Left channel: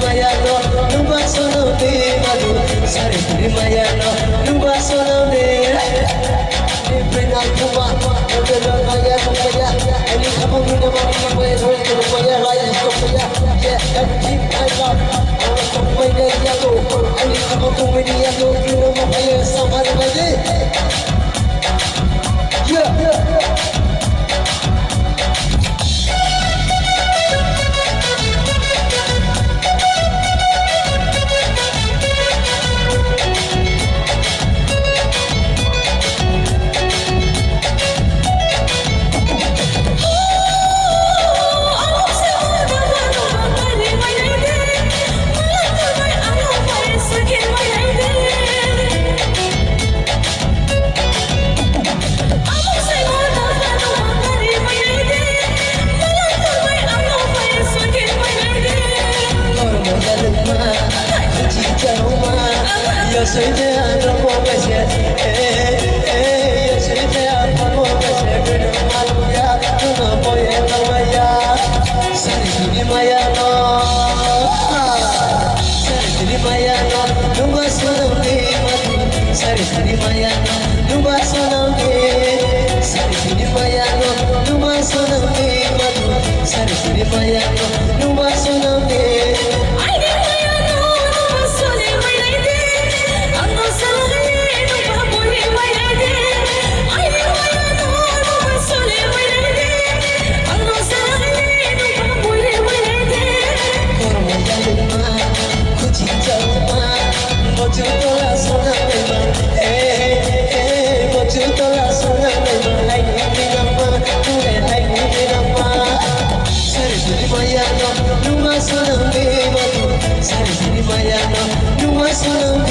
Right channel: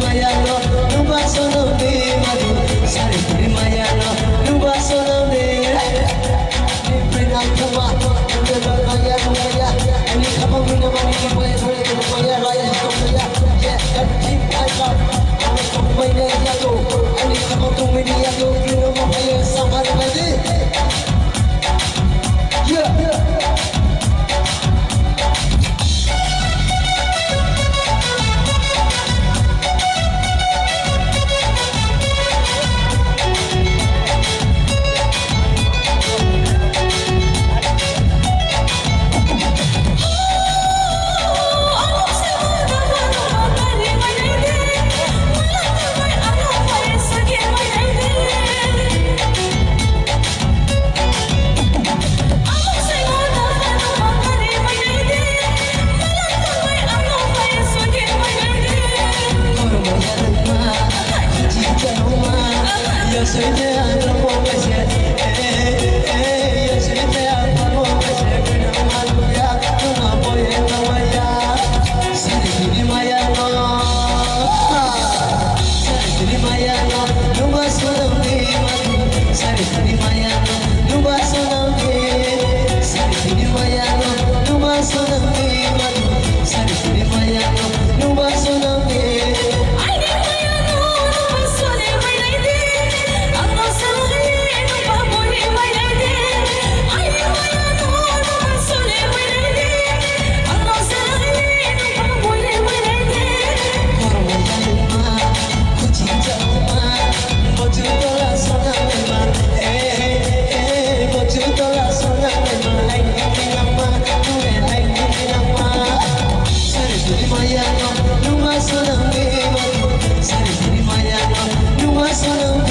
Mayano, Nuba Sonamde, Madu, Sari Mayano, Nuba Sonamde, Nipina Kuma, Nubela Maya, Maya, and he come up with the money away, Maya, Maya, yeah, and keep my love. I was from Maya Yago, and he come up to Mini Yago, you know, Maya, somebody like it. Yeah. Yo soy de Andromo Pese, yo soy de Andromo Pese, que no maluya, no voy a Maya, Sari Mayano, Sari Mayano, no vas a dormir, Sari Mayano, no vas a dormir, Sari Mayano, no vas a dormir, Sari Mayano, no vas a dormir. Mayano, Numa Sonamde, Sari Mayano, Numa Sonamde.